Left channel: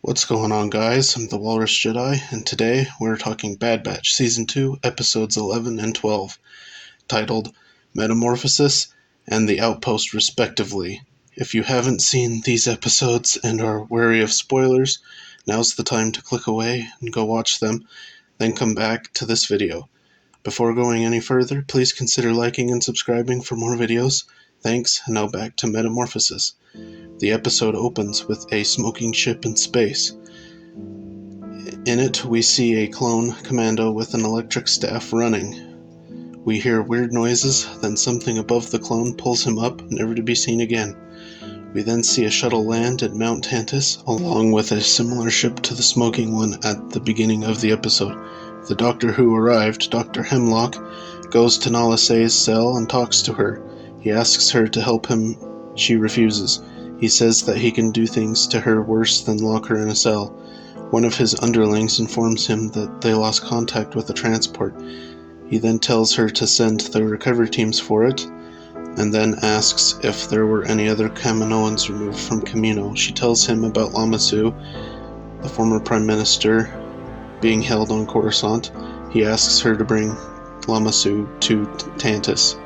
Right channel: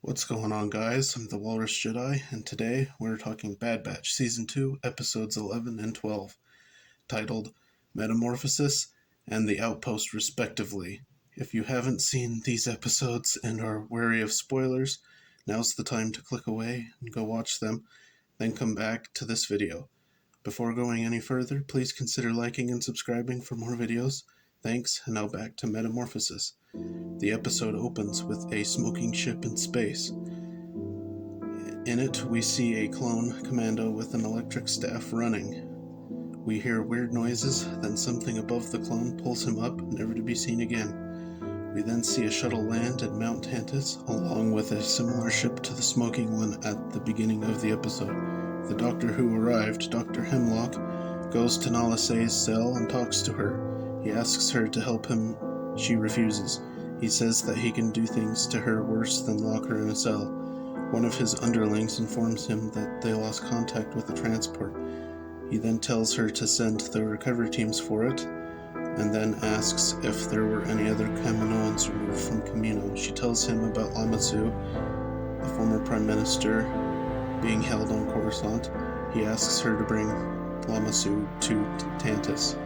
What's going on, guys? I'm the Walrus Jedi, and today we're talking Bad Batch Season 2, Episodes 11 and 12, titled Metamorphosis and the Outpost, respectively. If you haven't seen these episodes and are wary of spoilers, now's the time to click away and go watch them, then come back to this video. Before going any further, please consider liking and subscribing for more videos. Thanks, and now back to Metamorphosis. The episode opens with a smoking ship in space. In it, we see a clone commando with an electric staff running. We hear weird noises, then something above the clone pulls him up, never to be seen again. We then see a shuttle land at Mount Tantus, along with a similar ship to the smoking one at the beginning of the episode. The doctor who arrived, Dr. Hemlock, goes to Nala Se's cell and talks to her. He asks her to help him. She refuses. He says that he can do things to her worse than lock her in a cell. One of his underlings informs him that they lost contact with the transport. He then tells her to send the recovery teams for it, and then asks if there were any other Kaminoans removed from Kamino. She tells him about Lamassu, the former prime minister, being held on Coruscant. He asks her to bring Lamassu to Tantus.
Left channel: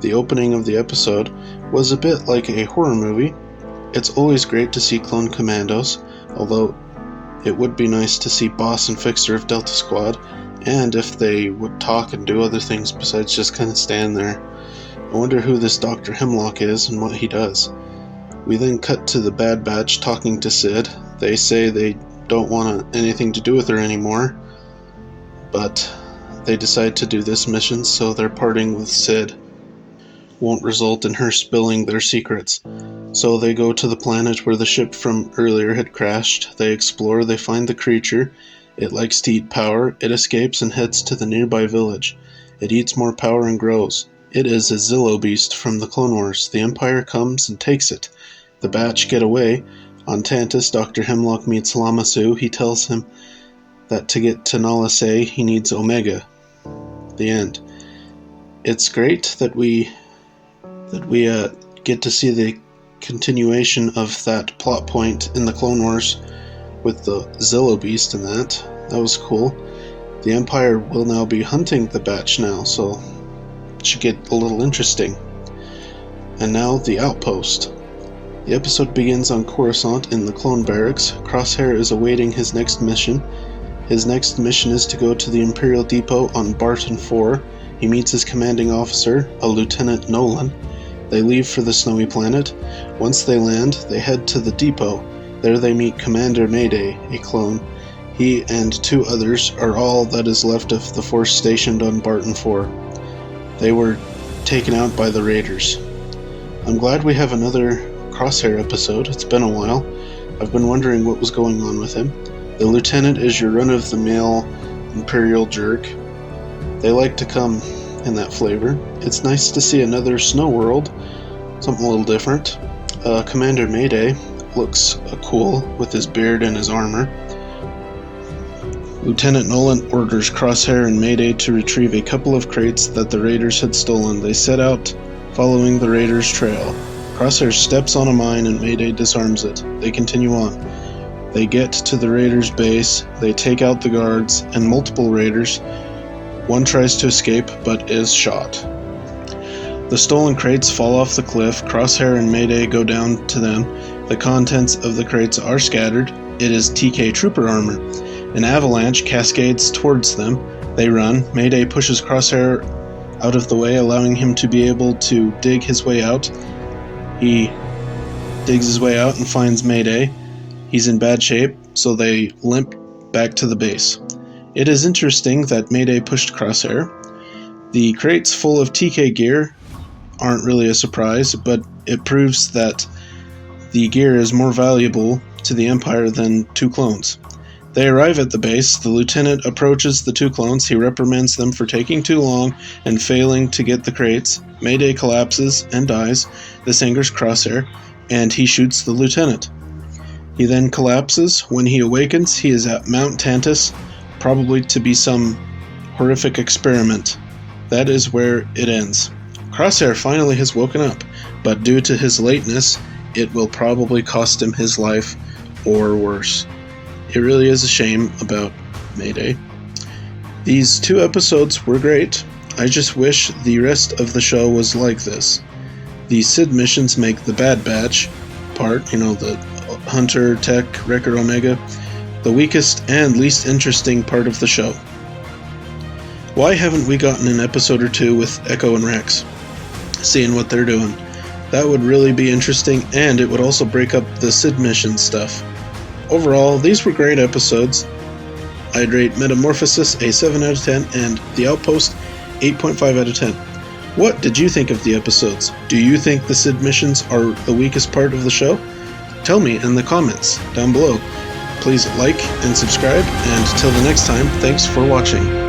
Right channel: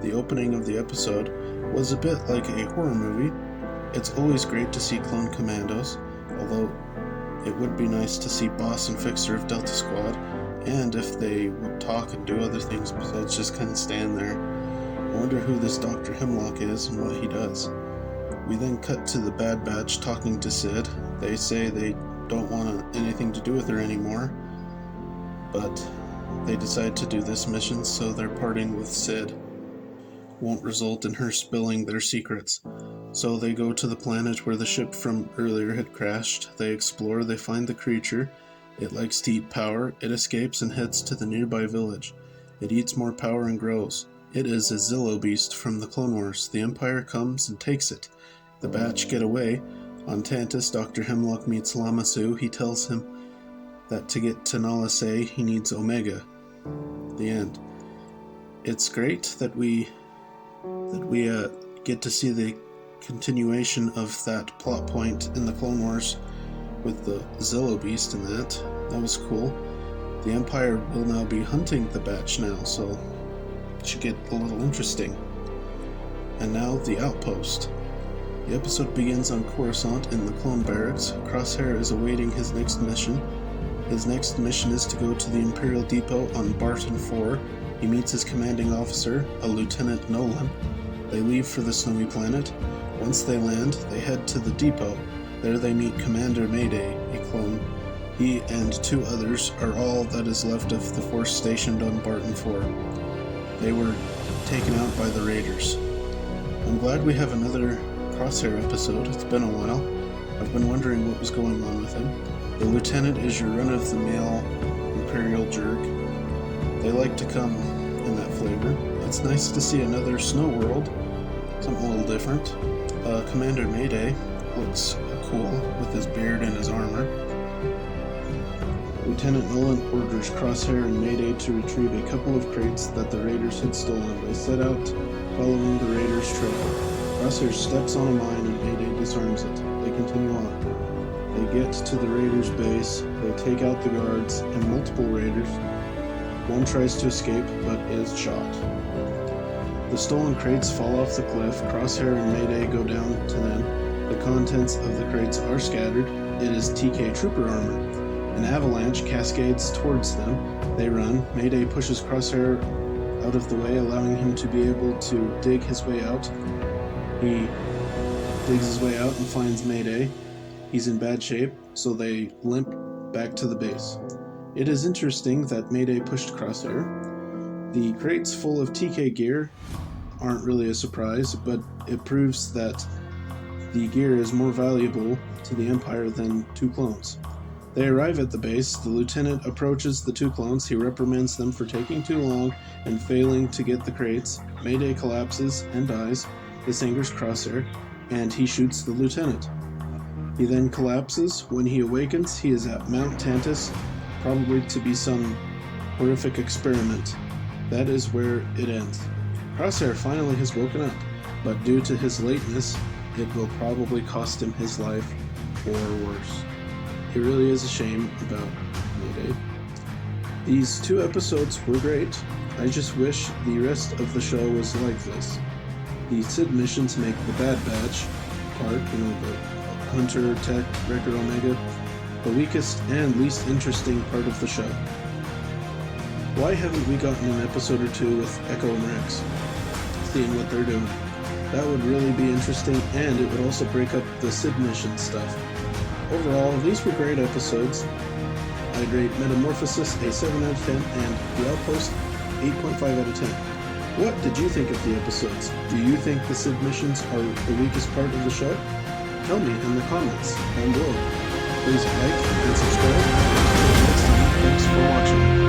The opening of the episode was a bit like a horror movie. It's always great to see clone commandos, although it would be nice to see Boss and Fixer of Delta Squad, and if they would talk and do other things besides just kind of stand there. I wonder who this Dr. Hemlock is and what he does. We then cut to the Bad Batch talking to Sid. They say they don't want anything to do with her anymore, but they decide to do this mission, so their parting with Sid won't result in her spilling their secrets. So they go to the planet where the ship from earlier had crashed. They explore, they find the creature. It likes to eat power. It escapes and heads to the nearby village. It eats more power and grows. It is a Zillo beast from the Clone Wars. The Empire comes and takes it. The Batch get away. On Tantus, Dr. Hemlock meets Lamassu. He tells him that to get to Nala Se, he needs Omega. The end. It's great that we get to see the continuation of that plot point in the Clone Wars with the Zillo Beast and that. That was cool. The Empire will now be hunting the Batch now, so it should get a little interesting. And now, the Outpost. The episode begins on Coruscant in the clone barracks. Crosshair is awaiting his next mission. His next mission is to go to the Imperial Depot on Barton 4. He meets his commanding officer, a Lieutenant Nolan. They leave for the snowy planet. Once they land, they head to the depot. There they meet Commander Mayday, a clone. He and two others are all that is left of the force stationed on Barton 4. They were taken out by the Raiders. I'm glad we have another Crosshair episode. It's been a while. I've been wondering what was going on with him. The lieutenant is your run-of-the-mill Imperial jerk. They like to come in that flavor. It's nice to see another snow world, something a little different. Commander Mayday looks cool with his beard and his armor. Lieutenant Nolan orders Crosshair and Mayday to retrieve a couple of crates that the Raiders had stolen. They set out following the Raiders' trail. Crosshair steps on a mine and Mayday disarms it. They continue on. They get to the Raiders' base, they take out the guards and multiple Raiders. One tries to escape, but is shot. The stolen crates fall off the cliff. Crosshair and Mayday go down to them. The contents of the crates are scattered. It is TK Trooper armor. An avalanche cascades towards them. They run. Mayday pushes Crosshair out of the way, allowing him to be able to dig his way out. He digs his way out and finds Mayday. He's in bad shape, so they limp back to the base. It is interesting that Mayday pushed Crosshair. The crates full of TK gear aren't really a surprise, but it proves that the gear is more valuable to the Empire than two clones. They arrive at the base. The lieutenant approaches the two clones. He reprimands them for taking too long and failing to get the crates. Mayday collapses and dies. This angers Crosshair, and he shoots the lieutenant. He then collapses. When he awakens, he is at Mount Tantus, probably to be some horrific experiment. That is where it ends. Crosshair finally has woken up, but due to his lateness, it will probably cost him his life or worse. It really is a shame about Mayday. These 2 episodes were great. I just wish the rest of the show was like this. The Sid missions make the Bad Batch part, the Hunter, Tech, Wrecker Omega, the weakest and least interesting part of the show. Why haven't we gotten an episode or 2 with Echo and Rex? Seeing what they're doing. That would really be interesting, and it would also break up the Sid mission stuff. Overall, these were great episodes. I'd rate Metamorphosis a 7 out of 10 and The Outpost 8.5 out of 10. What did you think of the episodes? Do you think the Sid missions are the weakest part of the show? Tell me in the comments down below. Please like and subscribe, and till the next time, thanks for watching.